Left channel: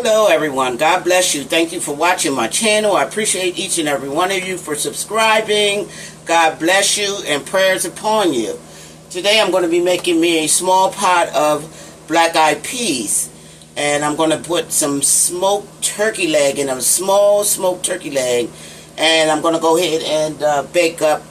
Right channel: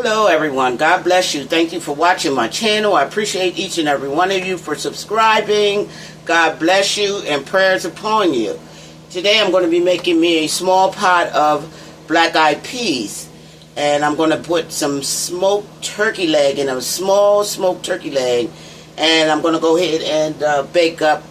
Hello everyone, God bless you. Thank you for watching my channel. I appreciate each and every one of you for subscribing. God bless you and prayers upon you. Today I'm going to be making me a small pot of black-eyed peas. And I'm going to put some smoked turkey leg in a small smoked turkey leg. And I'm going to go ahead and bake up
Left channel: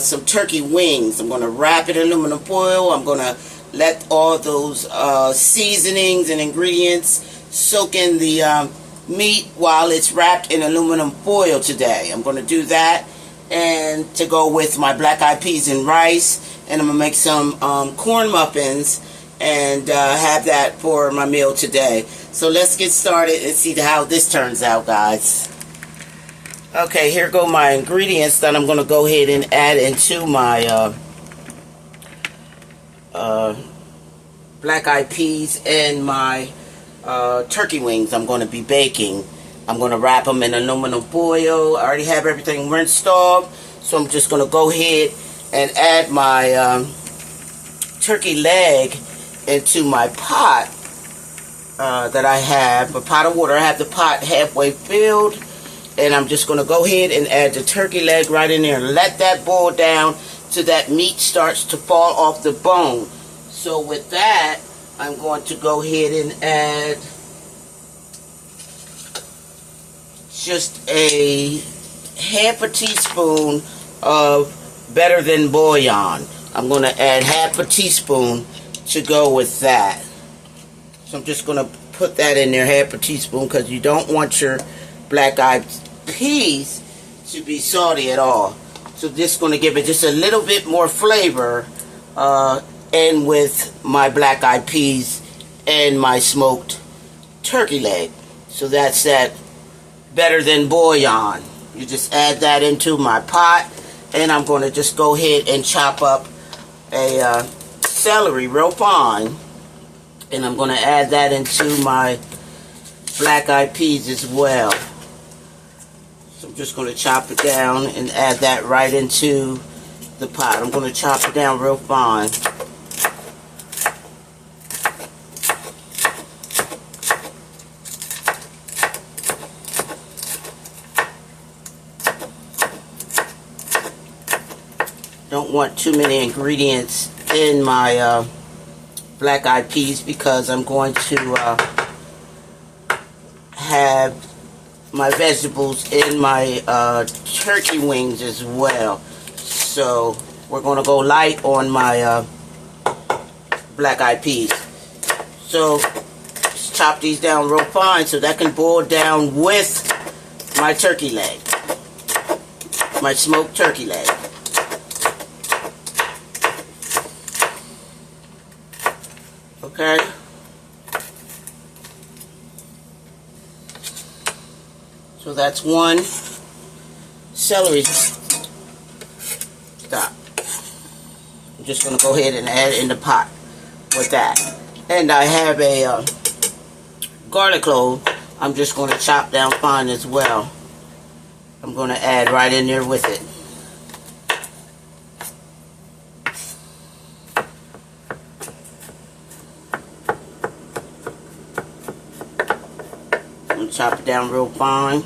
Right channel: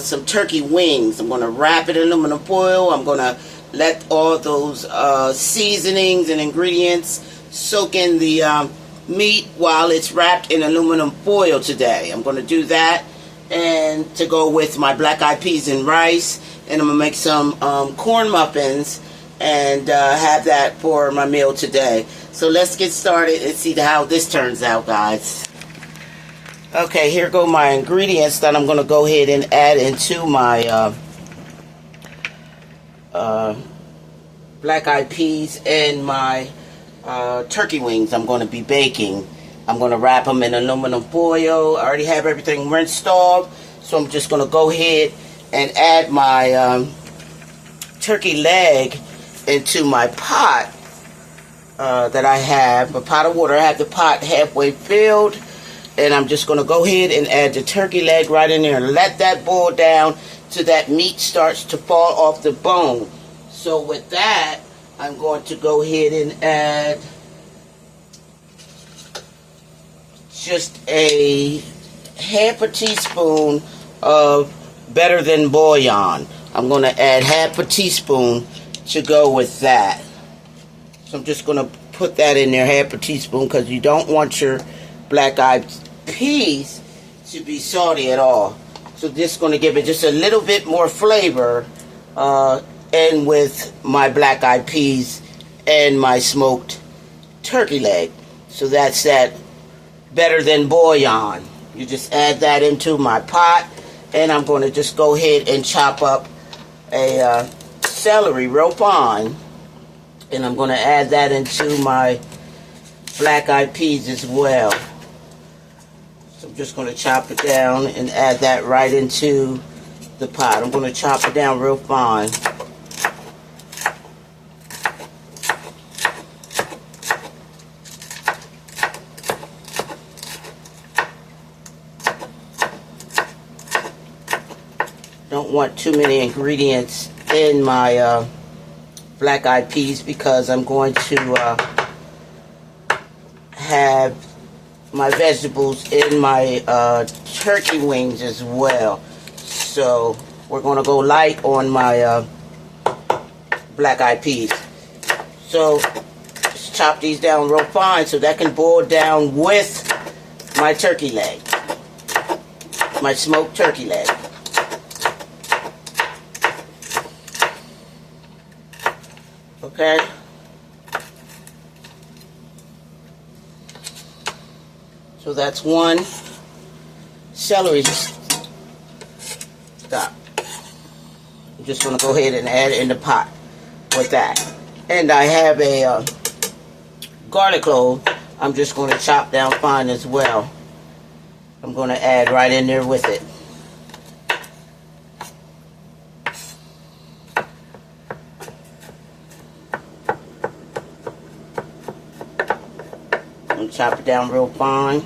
some turkey wings. I'm going to wrap it in aluminum foil. I'm going to let all those seasonings and ingredients soak in the meat while it's wrapped in aluminum foil today. I'm going to do that, and to go with my black-eyed peas and rice, and I'm going to make some corn muffins and have that for my meal today. So let's get started and see how this turns out, guys. Okay, here go my ingredients that I'm going to go ahead and add into my black-eyed peas and my turkey wings I'm going to be baking. I'm going to wrap them in aluminum foil. I already have everything rinsed off, so I'm just going to go ahead and add my turkey leg into my pot that I have, a pot of water. I have the pot halfway filled, and I'm just going to go ahead and add the turkey leg right in there and let that boil down till that meat starts to fall off the bone. So with that, I'm going to go ahead and add just a half a teaspoon of Better Than bouillon. I'm going to add half a teaspoon to go with that. So I'm just going to put that in there, half a teaspoon, because you don't want your black-eyed peas to be salty at all. So just going to give it just a little bit more flavor and with my black-eyed peas and my smoked turkey leg. So that's that Better Than bouillon. You just add that into my pot, and I'm going to just go ahead and chop up a celery real fine, and I'm going to add that into my black-eyed peas as well. So I'm just going to chop it down and add that right into the pot. I'm going to chop it down real fine. Don't want too many ingredients in my black-eyed peas, because I'm going to have my vegetables in my turkey wings as well. So we're going to go light on my black-eyed peas. So just chop these down real fine so that can boil down with my turkey leg, my smoked turkey leg. Okay. So that's one celery. Stop. I'm just going to go ahead and add it in the pot with that. And I have a garlic clove. I'm just going to chop down fine as well. I'm going to add right in there with it. Chop it down real fine.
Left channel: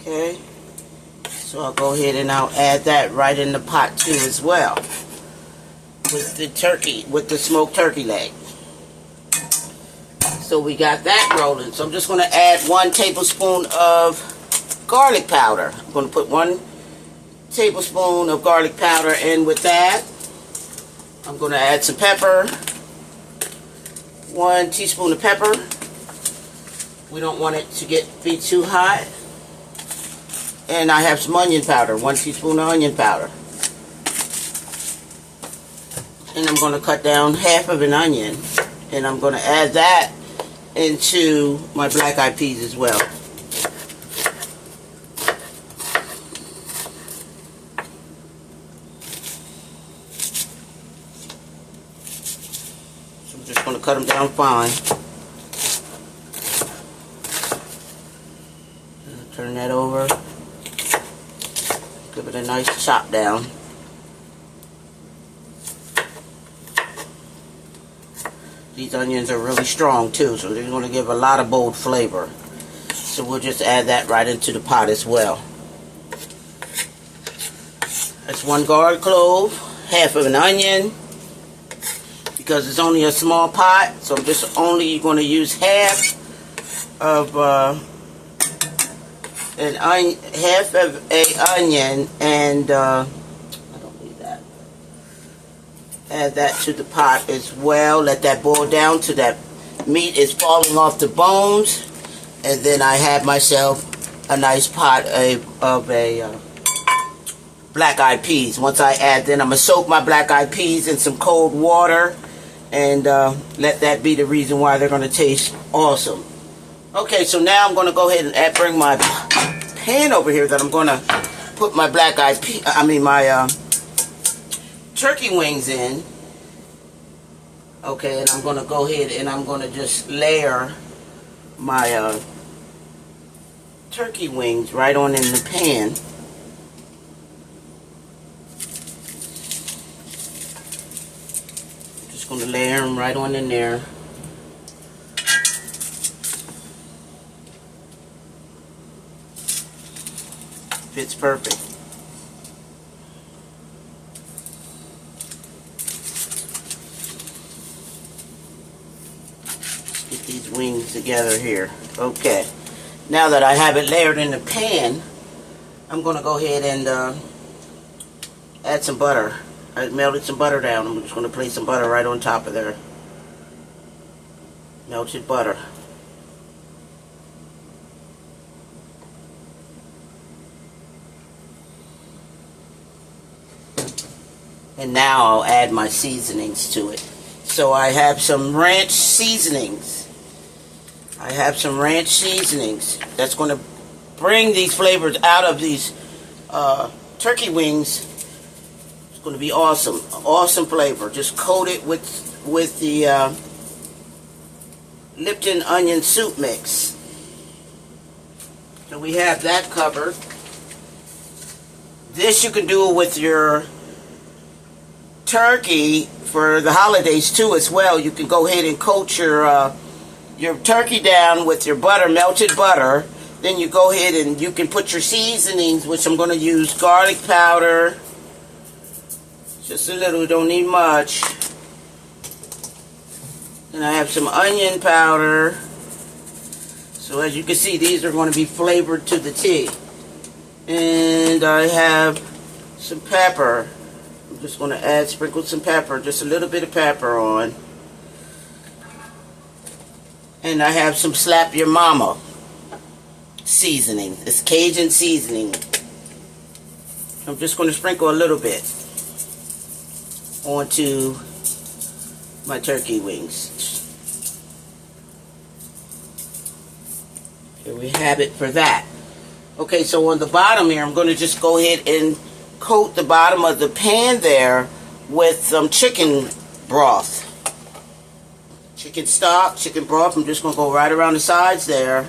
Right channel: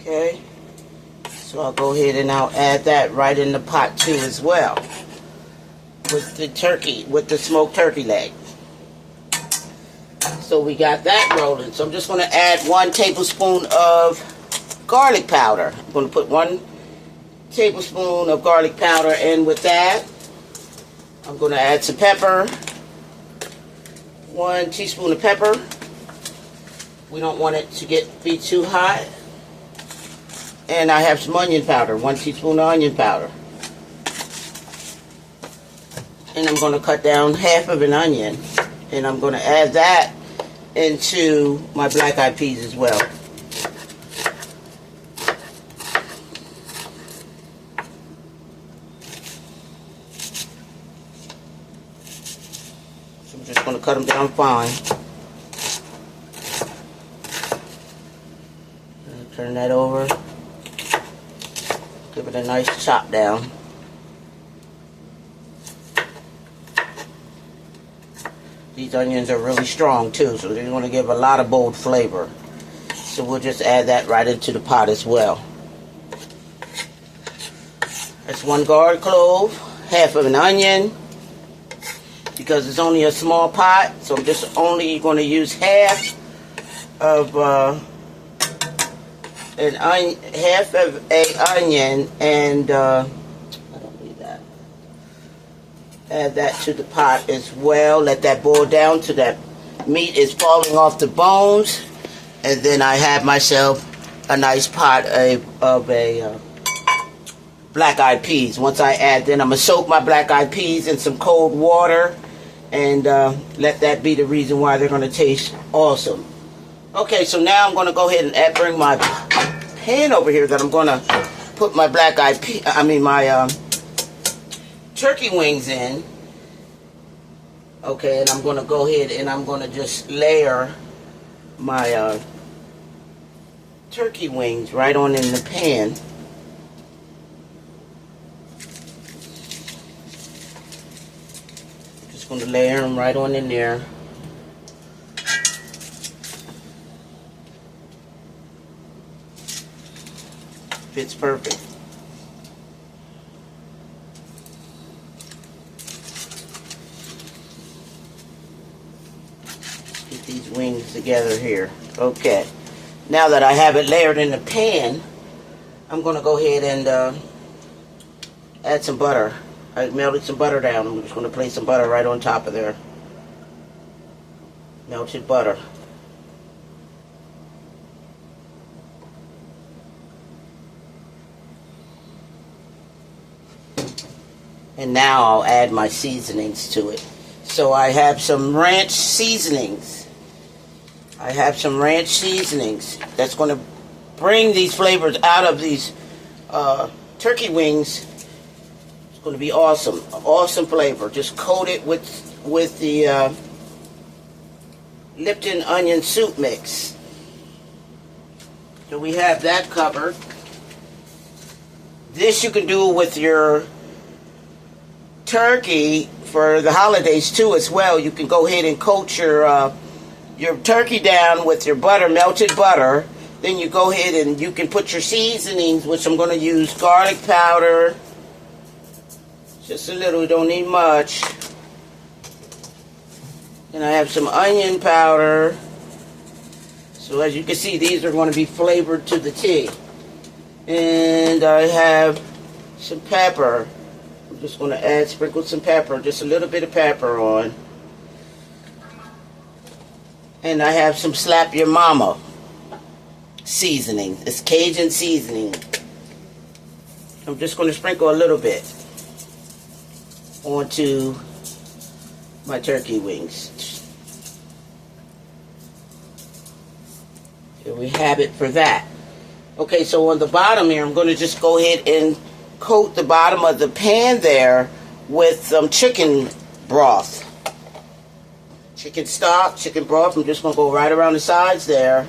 Okay, so I'll go ahead and I'll add that right in the pot too as well, with the turkey, with the smoked turkey leg. So we got that rolling. So I'm just going to add 1 tablespoon of garlic powder. I'm going to put 1 tablespoon of garlic powder in with that. I'm going to add some pepper. 1 teaspoon of pepper. We don't want it to be too hot. And I have some onion powder. 1 teaspoon of onion powder. And I'm going to cut down half of an onion. And I'm going to add that into my black-eyed peas as well. I'm just going to cut them down fine. Turn that over. Give it a nice chop down. These onions are really strong too, so they're going to give a lot of bold flavor. So we'll just add that right into the pot as well. That's 1 garlic clove, half of an onion. Because it's only a small pot, so I'm just only going to use half of an onion, and I don't need that. Add that to the pot as well. Let that boil down till that meat is falling off the bones, and then I have myself a nice pot of black-eyed peas. Once I add, then I'm gonna soak my black-eyed peas in some cold water, and let that be the reason why they're gonna taste awesome. Okay, so now I'm gonna go ahead and bring my pan over here that I'm gonna put my my turkey wings in. Okay, and I'm gonna go ahead and I'm gonna just layer my turkey wings right on in the pan. Just gonna layer them right on in there. Fits perfect. Get these wings together here. Okay. Now that I have it layered in the pan, I'm going to go ahead and add some butter. I melted some butter down. I'm just going to place some butter right on top of there. Melted butter. And now I'll add my seasonings to it. So I have some ranch seasonings. That's going to bring these flavors out of these turkey wings. It's going to be awesome. Awesome flavor. Just coat it with the Lipton onion soup mix. So we have that covered. This you can do with your turkey for the holidays too as well. You can go ahead and coat your turkey down with your butter, melted butter. Then you go ahead and you can put your seasonings, which I'm going to use garlic powder. Just a little, don't need much. And I have some onion powder. So as you can see, these are going to be flavored to the T. And I have some pepper. I'm just going to sprinkle some pepper, just a little bit of pepper on. And I have some Slap Your Mama seasoning. It's Cajun seasoning. I'm just going to sprinkle a little bit onto my turkey wings. Here we have it for that. Okay, so on the bottom here, I'm going to just go ahead and coat the bottom of the pan there with some chicken broth. Chicken stock, chicken broth. I'm just going to go right around the sides there.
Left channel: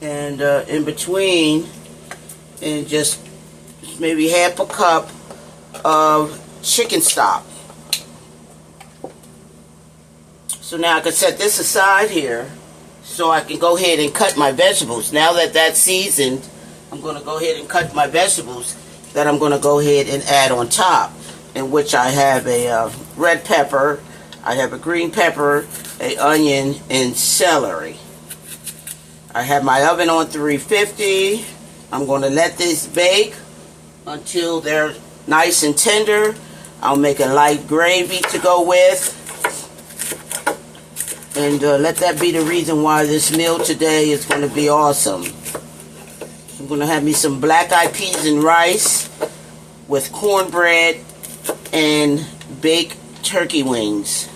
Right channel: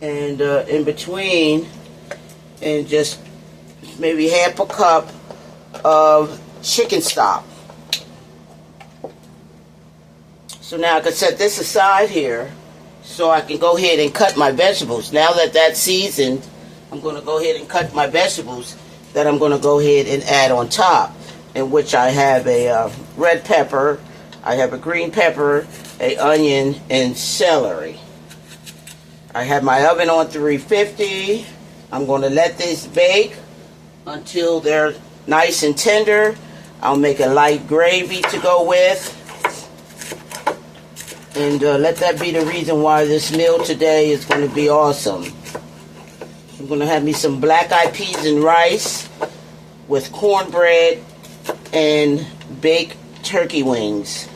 And in between, and just maybe half a cup of chicken stock. So now I can set this aside here so I can go ahead and cut my vegetables. Now that that's seasoned, I'm going to go ahead and cut my vegetables that I'm going to go ahead and add on top, in which I have a red pepper, I have a green pepper, an onion, and celery. I have my oven on 350. I'm going to let this bake until they're nice and tender. I'll make a light gravy to go with. And let that be the reason why this meal today is going to be awesome. I'm going to have me some black-eyed peas and rice with cornbread and baked turkey wings.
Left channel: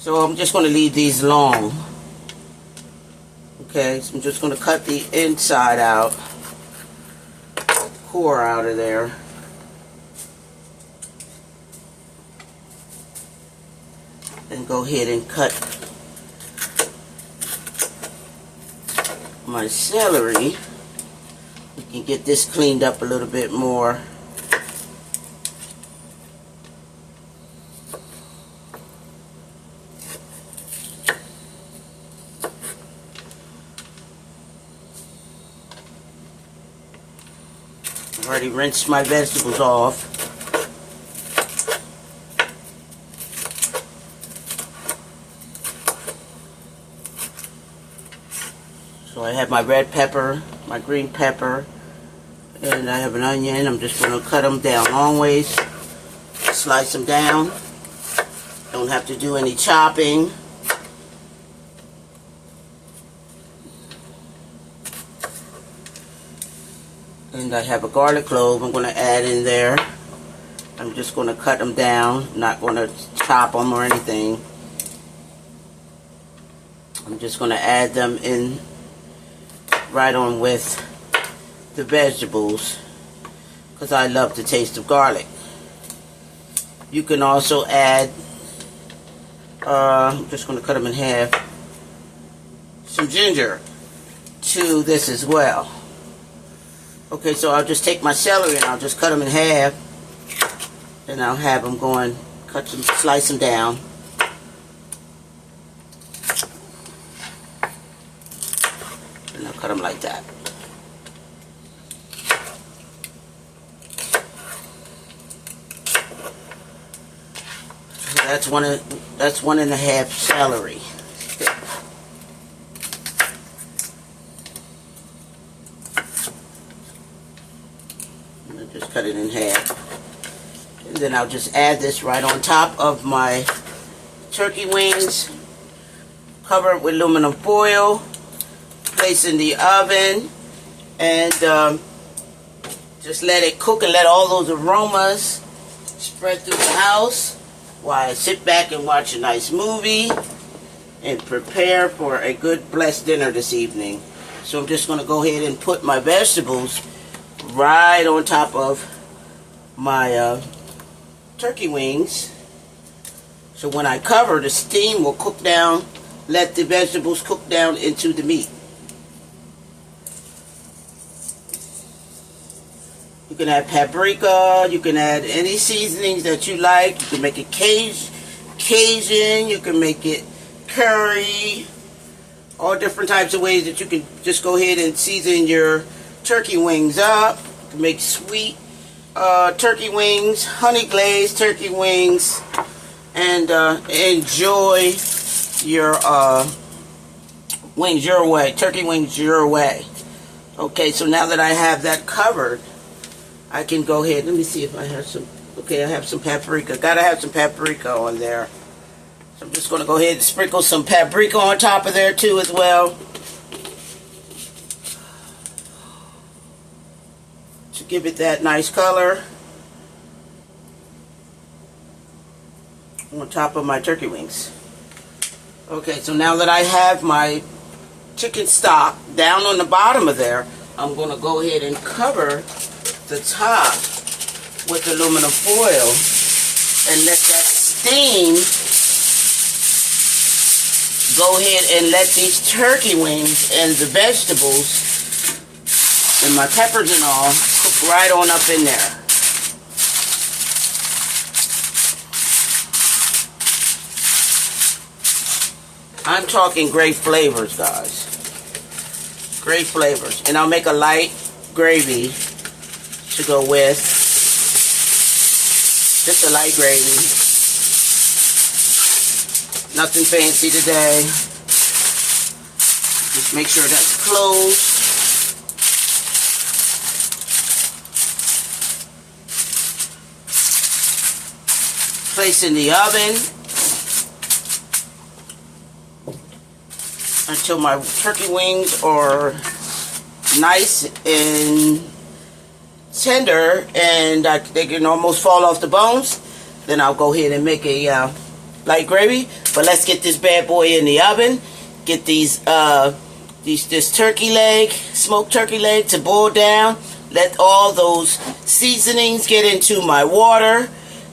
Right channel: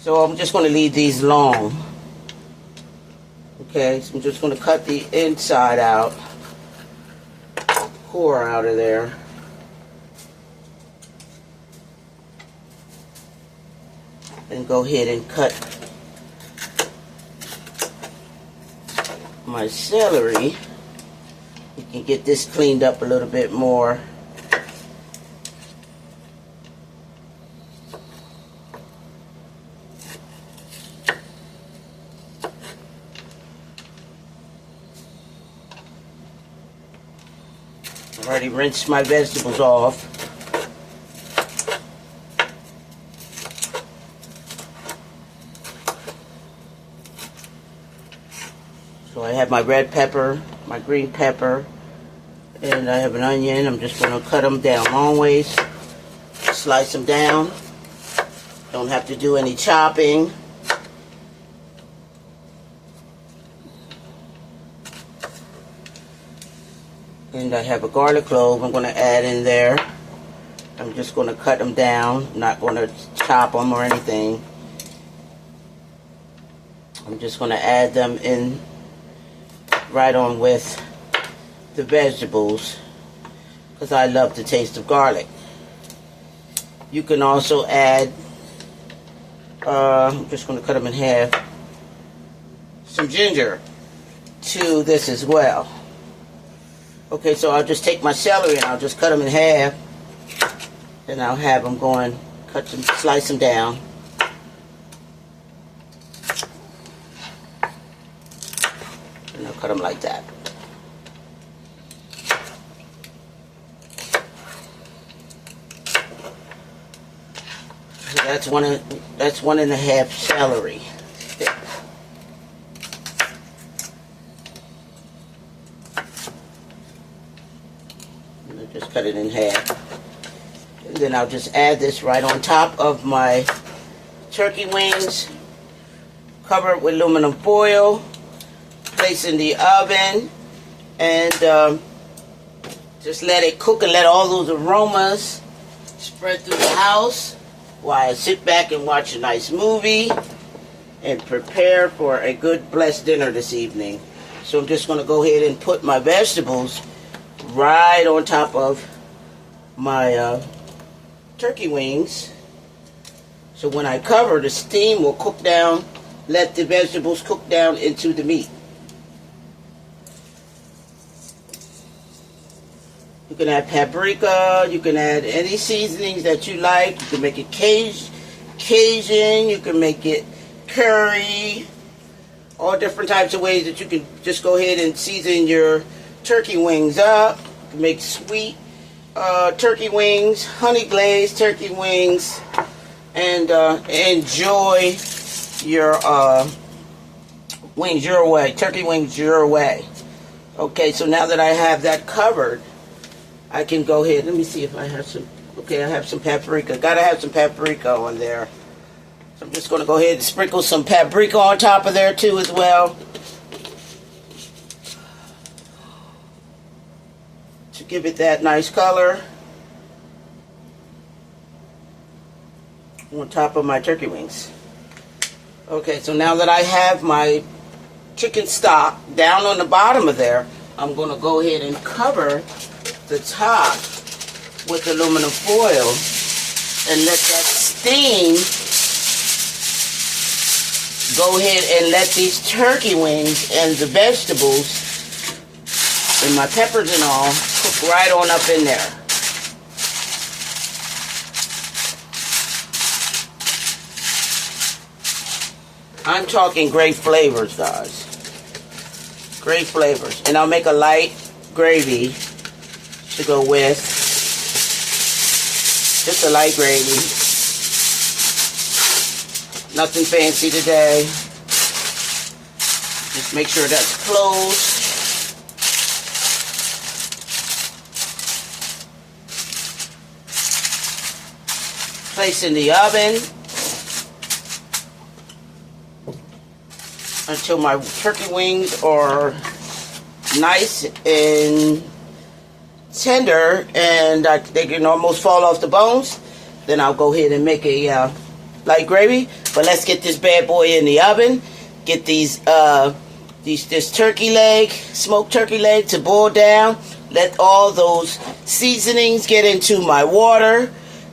So I'm just going to leave these long. Okay, so I'm just going to cut the inside out, core out of there. and go ahead and cut my celery. We can get this cleaned up a little bit more. I've already rinsed my vegetables off. So I have my red pepper, my green pepper, and I have an onion. I'm just going to cut them down long ways, slice them down. Don't have to do any chopping. And I have a garlic clove I'm going to add in there. I'm just going to cut them down, not going to chop them or anything. I'm just going to add them in right on with the vegetables because I love the taste of garlic. You can also add, I'm just going to cut them in half, some ginger to this as well. Okay, so I'll just take my celery and I'll just cut them in half, and I'll have them going, slice them down. And I'll cut them like that. So that's 1.5 celery. Just cut it in half. And then I'll just add this right on top of my turkey wings. Cover it with aluminum foil. Place in the oven. And just let it cook and let all those aromas spread through the house while I sit back and watch a nice movie and prepare for a good blessed dinner this evening. So I'm just going to go ahead and put my vegetables right on top of my turkey wings. So when I cover, the steam will cook down, let the vegetables cook down into the meat. You can add paprika, you can add any seasonings that you like. You can make it Cajun, you can make it curry, all different types of ways that you can just go ahead and season your turkey wings up. You can make sweet turkey wings, honey glazed turkey wings, and enjoy your wings your way, turkey wings your way. Okay, so now that I have that covered, I can go ahead. Let me see if I have some. Okay, I have some paprika. Gotta have some paprika on there. So I'm just going to go ahead and sprinkle some paprika on top of there too as well, to give it that nice color on top of my turkey wings. Okay, so now that I have my chicken stock down on the bottom of there, I'm going to go ahead and cover the top with aluminum foil and let that steam go ahead and let these turkey wings and the vegetables and my peppers and all cook right on up in there. I'm talking great flavors, guys. Great flavors. And I'll make a light gravy to go with. Just a light gravy. Nothing fancy today. Just make sure that's closed. Place in the oven until my turkey wings are nice and tender and they can almost fall off the bones. Then I'll go ahead and make a light gravy. But let's get this bad boy in the oven. Get this turkey leg, smoked turkey leg, to boil down. Let all those seasonings get into my water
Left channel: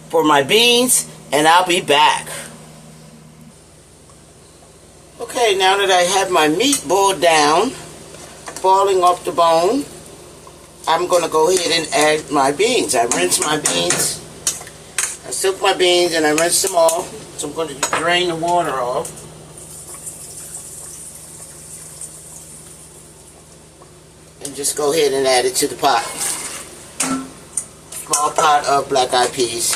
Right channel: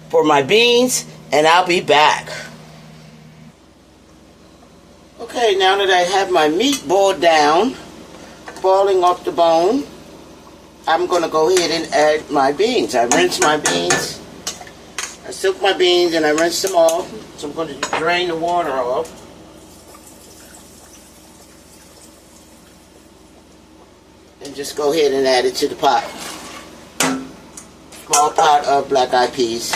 for my beans, and I'll be back. Okay, now that I have my meat boiled down, falling off the bone, I'm going to go ahead and add my beans. I rinse my beans. I soak my beans and I rinse them off. So I'm going to drain the water off. And just go ahead and add it to the pot. Small pot of black-eyed peas.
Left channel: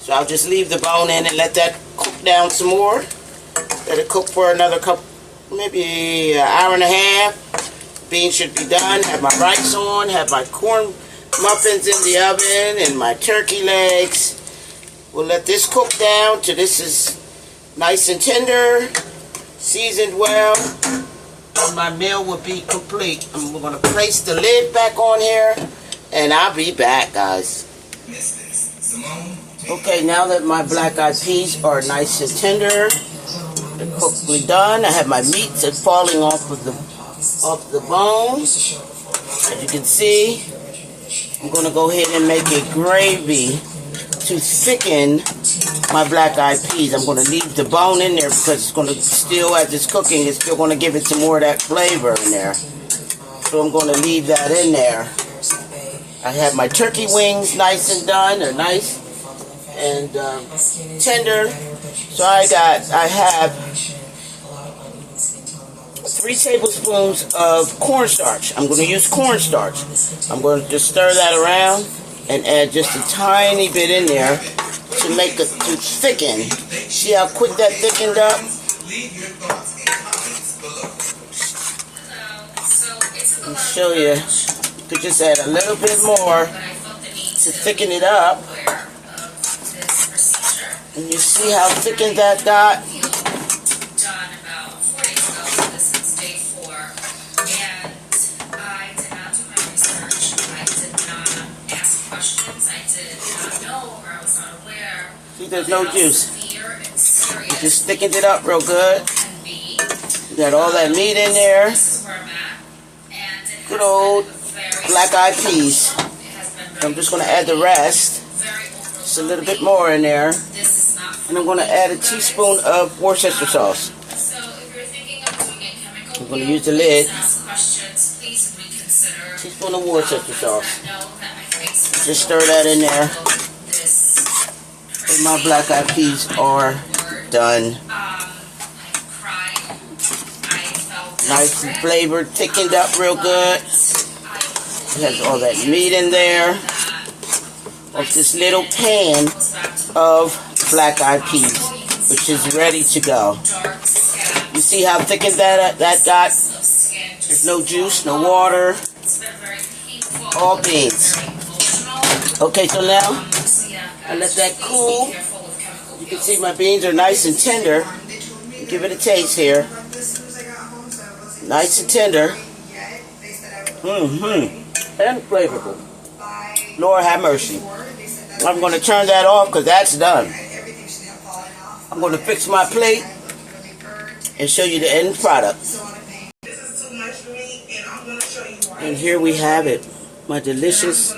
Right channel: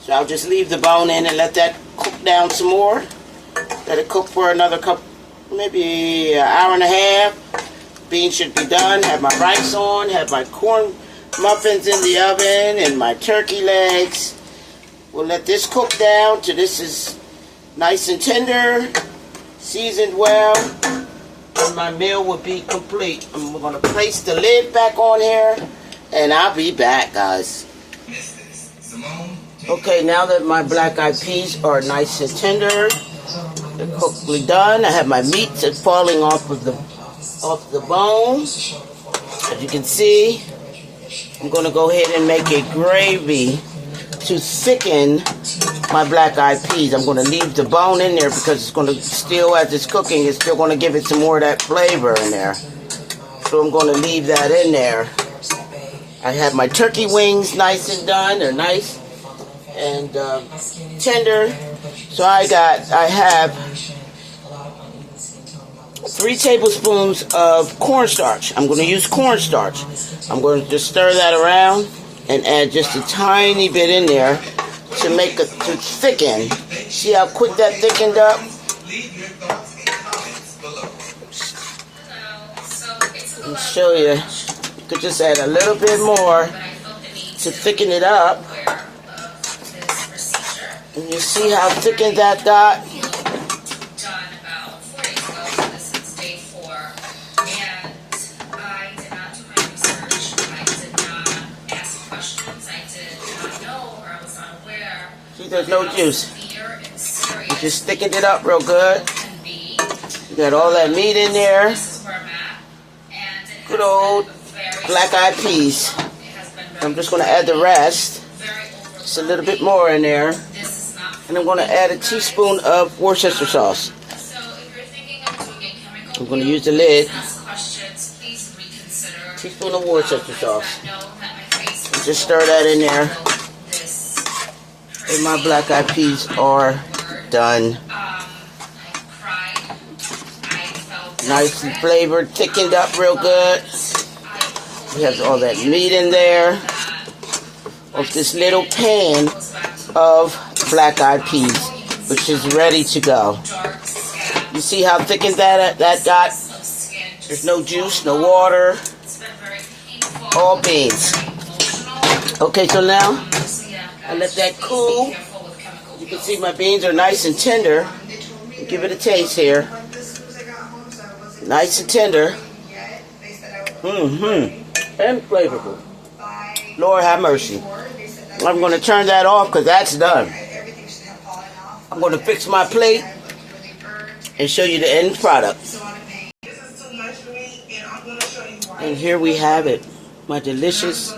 So I'll just leave the bone in and let that cook down some more. Let it cook for another couple, maybe an hour and a half. Beans should be done. Have my rice on. Have my corn muffins in the oven and my turkey legs. We'll let this cook down till this is nice and tender, seasoned well, and my meal will be complete. And we're going to place the lid back on here, and I'll be back, guys. Okay, now that my black-eyed peas are nice and tender, they're cooked done. I have my meat that's falling off the bone. As you can see, I'm going to go ahead and make a gravy to thicken my black-eyed peas. I'm going to leave the bone in there because it's going to still, as it's cooking, it's still going to give it some more of that flavor in there. So I'm going to leave that in there. I have my turkey wings nice and done. They're nice and tender. So I have 3 tablespoons of cornstarch. I'm going to use cornstarch. I'm going to just stir that around and add just a tiny bit in there to make it to thicken. See how quick that thickened up? Let me show you. You could just add a little bit more to thicken it up. And you see how thickened that got? See, there's no juice. You just thickened it up real good. You got all that meat in there. Good old black-eyed peas. I'm just going to add the rest. Just a little bit more in there. And I'm going to add a teaspoon of Worcestershire sauce. I'm going to use the lid. Teaspoon of Worcestershire sauce. Just stir that in there. And my black-eyed peas are done. Nice and flavored, thickened up real good. It has all that meat in there. Of this little pan of black-eyed peas, which is ready to go. You see how thickened that got? There's no juice, no water, all beans. Okay, so now I let that cool. You can see my beans are nice and tender. Give it a taste here. Nice and tender. And flavorful. Lord have mercy. I'm going to turn that off because that's done. I'm going to fix my plate and show you the end product. And here we have it. My delicious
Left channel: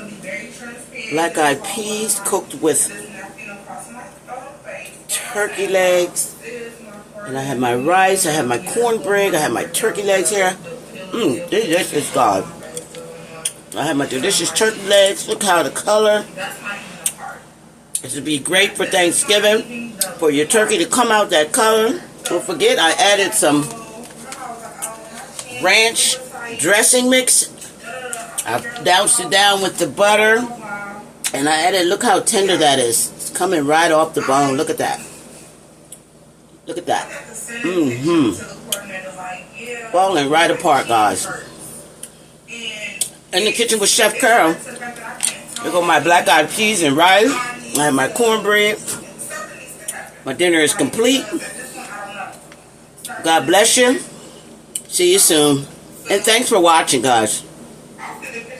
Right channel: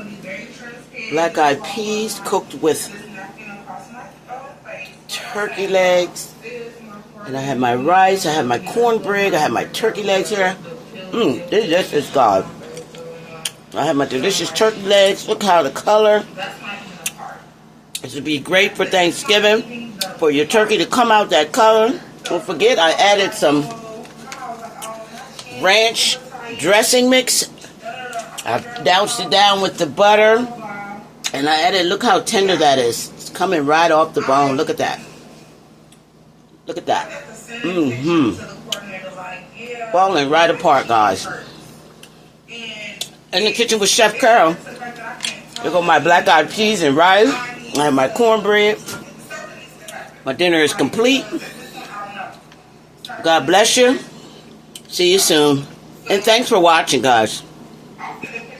black-eyed peas cooked with turkey legs. And I have my rice, I have my cornbread, I have my turkey legs here. This is God. I have my delicious turkey legs. Look how the color. This would be great for Thanksgiving. For your turkey to come out that color. Don't forget, I added some ranch dressing mix. I've doused it down with the butter. And I added, look how tender that is. It's coming right off the bone. Look at that. Look at that. Falling right apart, guys. In the kitchen with Chef Carol. Here go my black-eyed peas and rice. I have my cornbread. My dinner is complete. God bless you. See you soon. And thanks for watching, guys.